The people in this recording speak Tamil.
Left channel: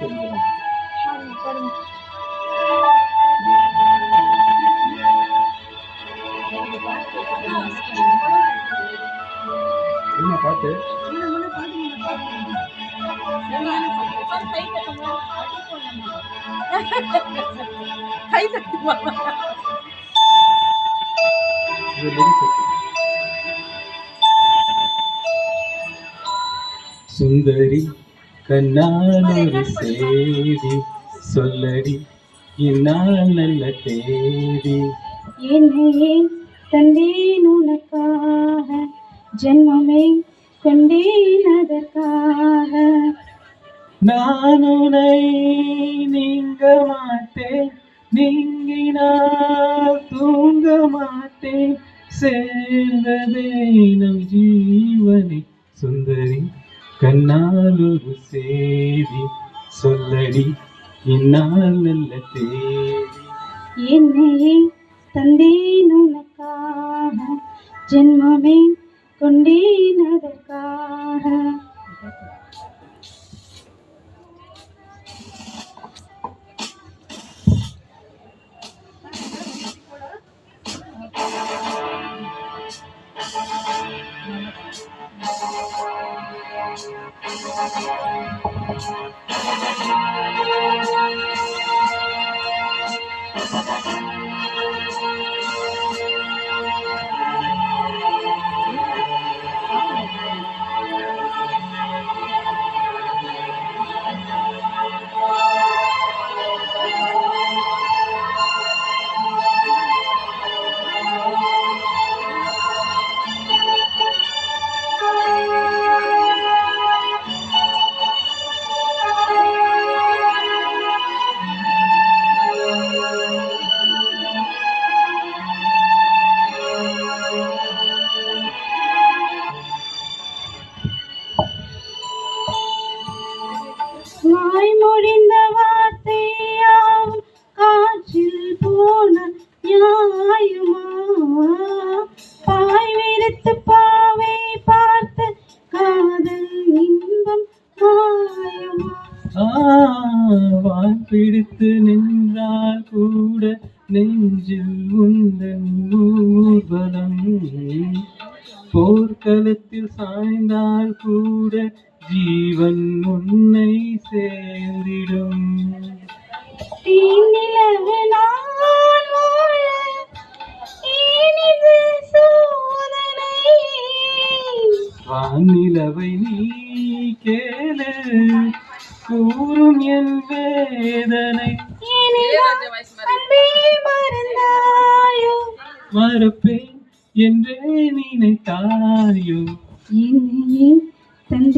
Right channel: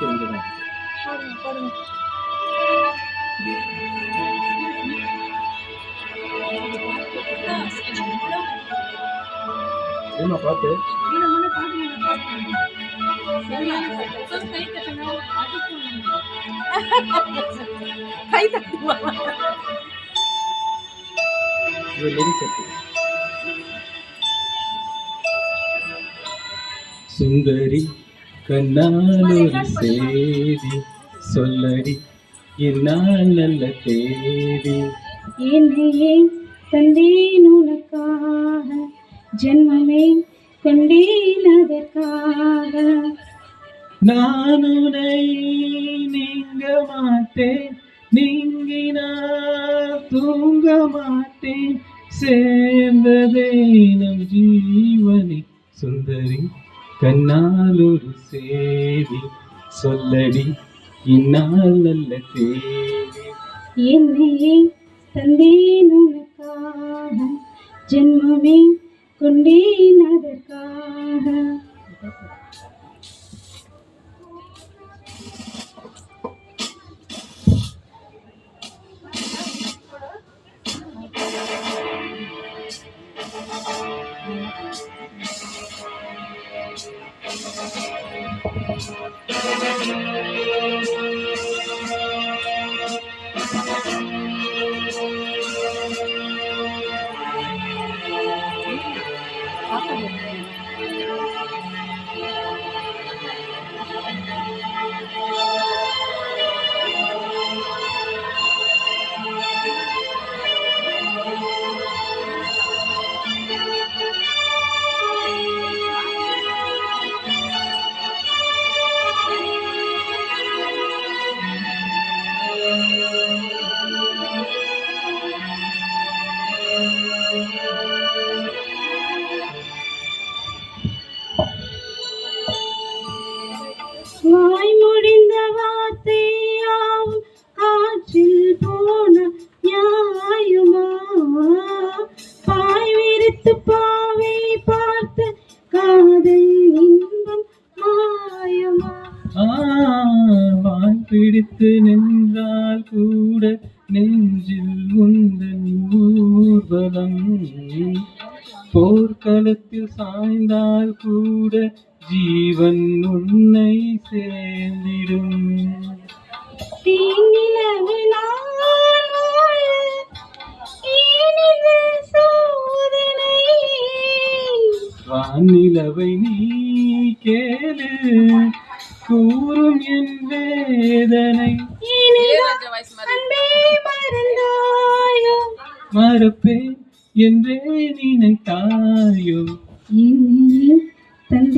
தெரிஞ்சிடும். என்ன பாட்டு? கை தட்டுமா? சுந்தரி கண்ணால் சேதி சொல்லடி என்னால் நல்ல தேதி. என்னையே தந்தேன் உனக்காக, ஜென்மமே கொண்டேன் அதற்காக. நான் உன்னை நீங்க மாட்டேன், நீங்கினால் தூங்க மாட்டேன், சேர்ந்ததே நம் ஜீவனே. சுந்தரி கண்ணால் ஒரு சேதி சொல்லடி இந்நாள் நல்ல தேதி. என்னையே தந்தேன் உனக்காக, ஜென்மமே கொண்டேன் அதற்காக. வாய் முடிந்த வார்த்தையாவும் காற்றில் போன நியாயமா? பாய் விரித்து பாவை பார்த்து காதல் இன்பம் மாயமா? வாய் பிடித்து நின்றால் கூட நெஞ்சில் உந்தன் ஊர்வலம், போர்க்களத்தில் சாய்ந்தால் கூட ஜீவன் உன்னை சேர்ந்திடும். தீநிலவு நான் வாழ ஏனிது சோதனை? வானிலவை நீ கேளு கூறும் என் வேதனை. அன்பே மறந்தாயோ? மறப்பேன் என்றே நினைத்தாயோ? என்னையே தந்தே